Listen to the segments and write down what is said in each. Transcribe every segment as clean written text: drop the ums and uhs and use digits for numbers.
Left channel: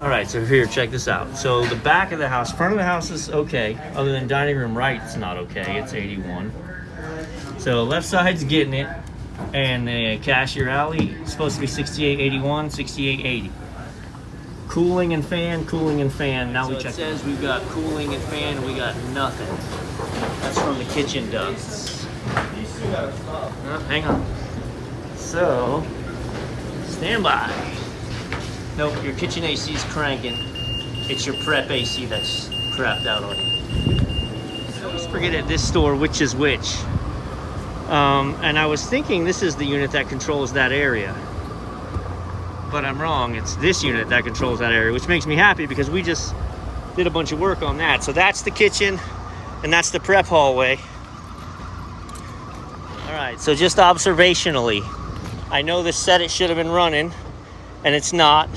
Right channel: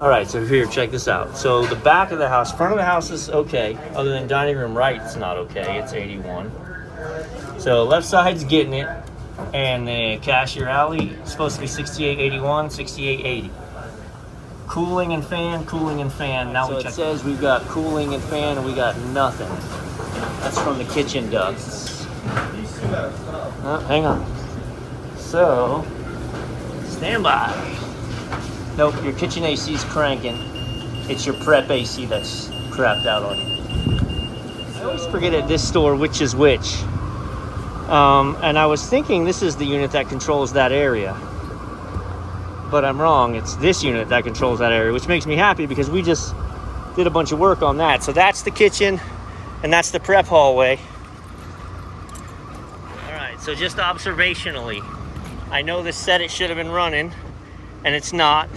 All right, so here, check this out. So the back of the house, front of the house is okay. Other than dining room right, it's not okay. It's 81. So left side's getting it. And the cashier alley is supposed to be 6881, 6880. Cooling and fan, cooling and fan. Now so we check. It says we've got cooling and fan and we got nothing. That's from the kitchen ducts. Oh, hang on. So, stand by. Nope, your kitchen AC is cranking. It's your prep AC that's crapped out on you. I always forget at this store which is which. And I was thinking this is the unit that controls that area. But I'm wrong. It's this unit that controls that area, which makes me happy because we just did a bunch of work on that. So that's the kitchen and that's the prep hallway. All right, so just observationally, I know this said it should have been running and it's not.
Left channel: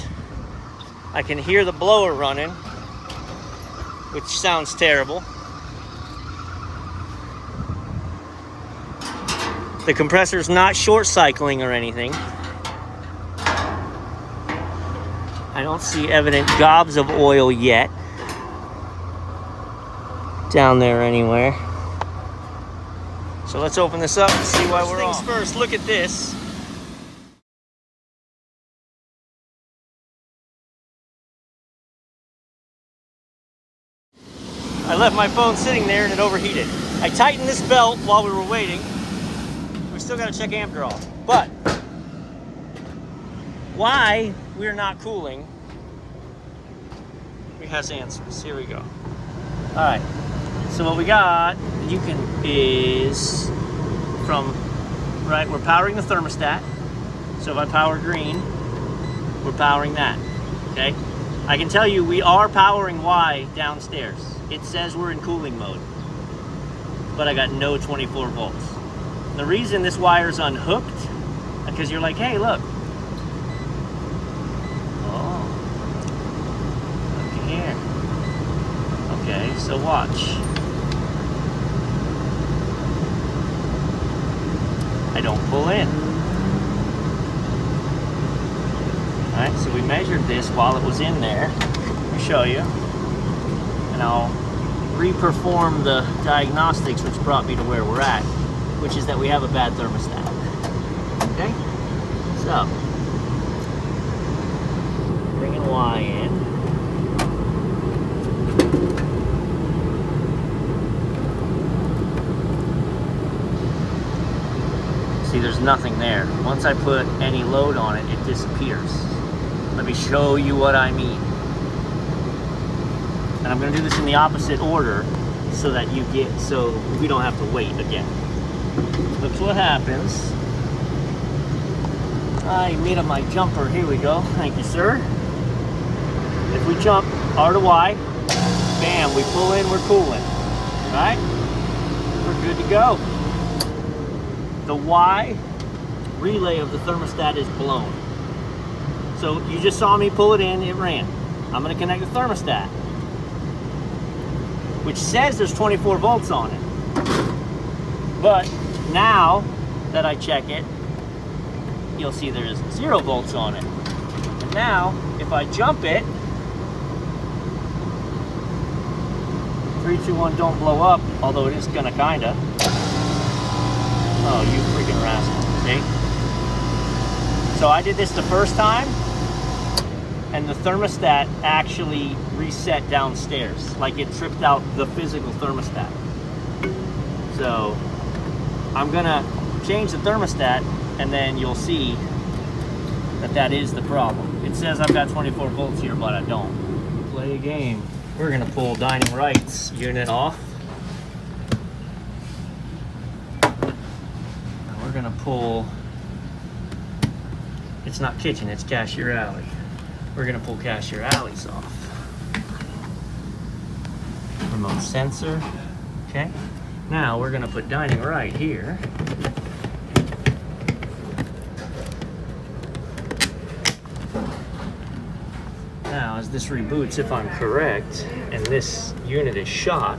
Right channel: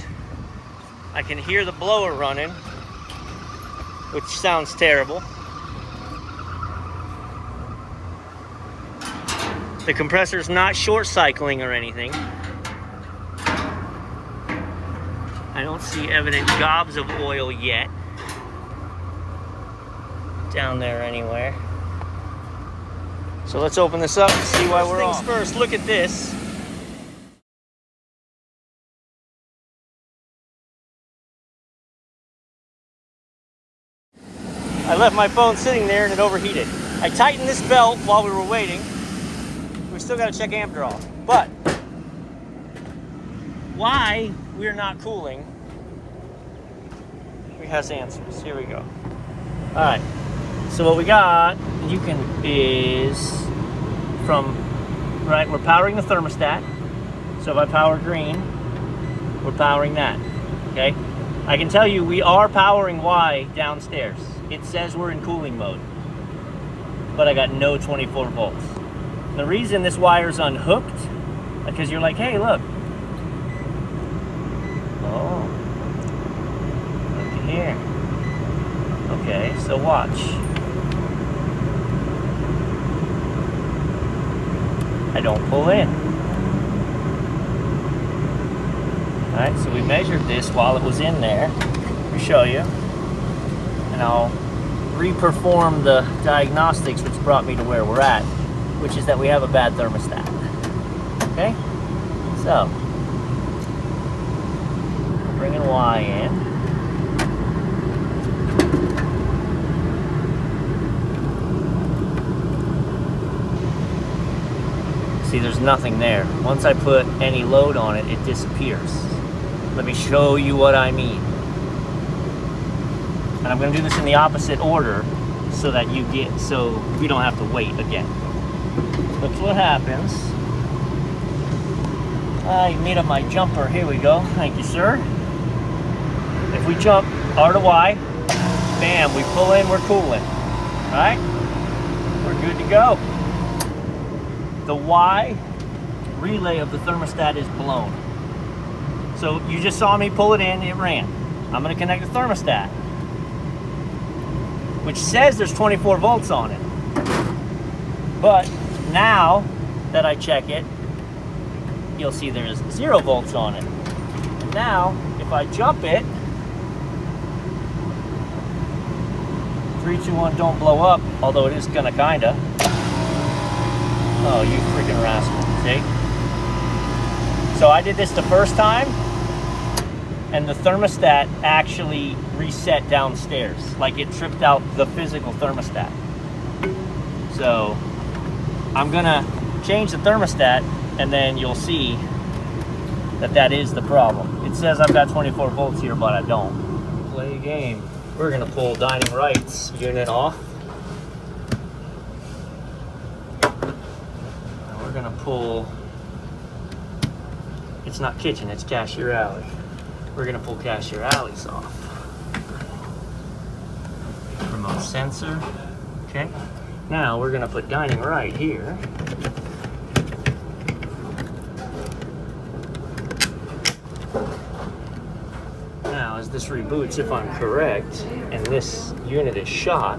I can hear the blower running, which sounds terrible. The compressor's not short cycling or anything. I don't see evident gobs of oil yet down there anywhere. So let's open this up and see why we're on. First, look at this. I left my phone sitting there and it overheated. I tightened this belt while we were waiting. We still got to check amp draw. But why we're not cooling, we has answers. Here we go. All right. So what we got, is from, right, we're powering the thermostat. So if I power green, we're powering that, okay? I can tell you we are powering Y downstairs. It says we're in cooling mode, but I got no 24 volts. The reason this wire's unhooked, because you're like, hey, look. Oh, look here. Okay, so watch. I don't pull in. All right, so we measured this while it was in there. Let me show you. And I'll re-perform the diagnostics, which brought me to where we're at, which is that we have a bad thermostat. Okay? So, bringing Y in. See, there's nothing there. Once I put any load on it, it disappears. Let me show you what I mean. And I'm gonna do this in the opposite order so that so we don't have to wait again. That's what happens. I made up my jumper. Here we go. Thank you, sir. If we jump R to Y, bam, we pull in, we're cooling. All right? We're good to go. The Y relay of the thermostat is blown. So you just saw me pull it in, it ran. I'm gonna connect the thermostat, which says there's 24 volts on it. But now that I check it, you'll see there's 0 volts on it. And now, if I jump it, 3, 2, 1, don't blow up, although it is gonna kinda. Oh, you freaking rascal, see? So I did this the first time, and the thermostat actually reset downstairs. Like it tripped out the physical thermostat. So I'm gonna change the thermostat and then you'll see that that is the problem. It says I've got 24 volts here, but I don't. Play a game. We're gonna pull dining rights unit off. And we're gonna pull, it's not kitchen, it's cashier alley. We're gonna pull cashier alleys off. Remote sensor, okay? Now we're gonna put dining right here. Now as this reboots, if I'm correct, and this unit is shot,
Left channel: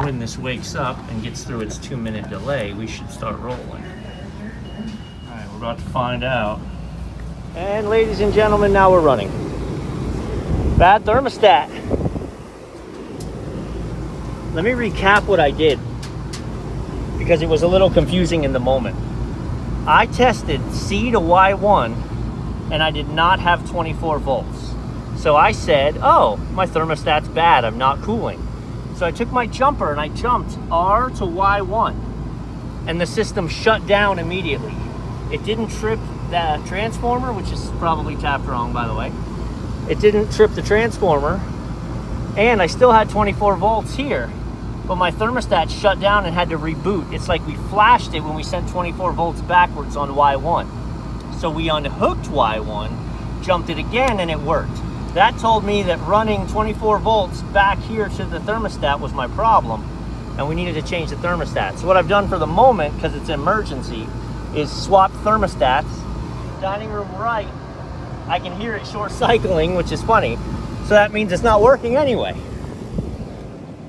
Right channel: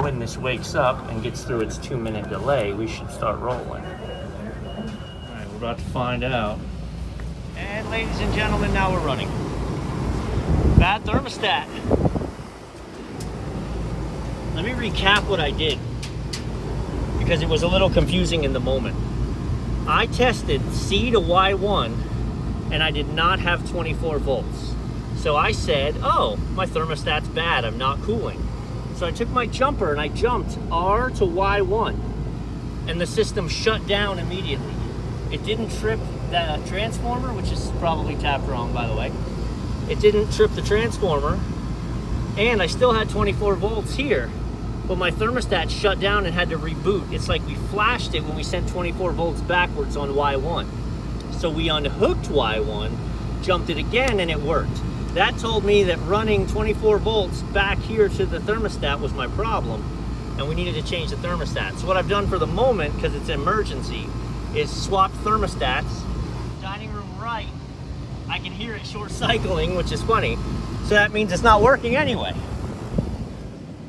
when this wakes up and gets through its 2-minute delay, we should start rolling. All right, we're about to find out. And ladies and gentlemen, now we're running. Bad thermostat. Let me recap what I did, because it was a little confusing in the moment. I tested C to Y1 and I did not have 24 volts. So I said, oh, my thermostat's bad, I'm not cooling. So I took my jumper and I jumped R to Y1 and the system shut down immediately. It didn't trip the transformer, which is probably tapped wrong, by the way. It didn't trip the transformer, and I still had 24 volts here, but my thermostat shut down and had to reboot. It's like we flashed it when we sent 24 volts backwards on Y1. So we unhooked Y1, jumped it again, and it worked. That told me that running 24 volts back here to the thermostat was my problem, and we needed to change the thermostat. So what I've done for the moment, because it's an emergency, is swap thermostats. Dining room right, I can hear it short cycling, which is funny. So that means it's not working anyway.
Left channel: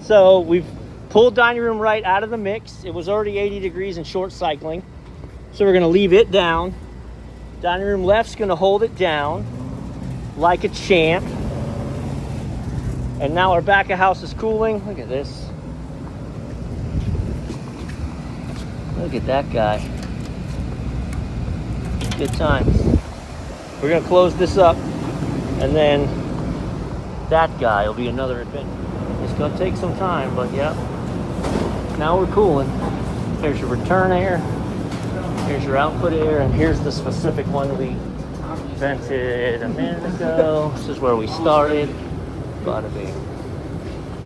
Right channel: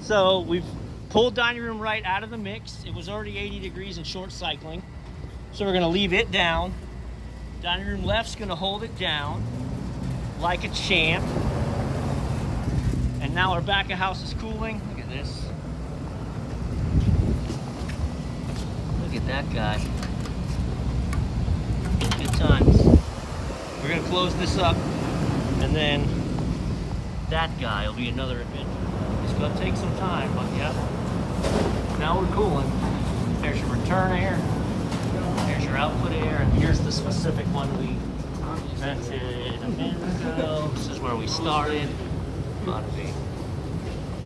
So we've pulled dining room right out of the mix. It was already 80 degrees and short cycling. So we're gonna leave it down. Dining room left's gonna hold it down like a champ. And now our back of house is cooling. Look at this. Look at that guy. Good times. We're gonna close this up, and then that guy will be another adventure. It's gonna take some time, but yeah. Now we're cooling. Here's your return air, here's your output air, and here's the specific one we vented a minute ago. This is where we started. Bada bing.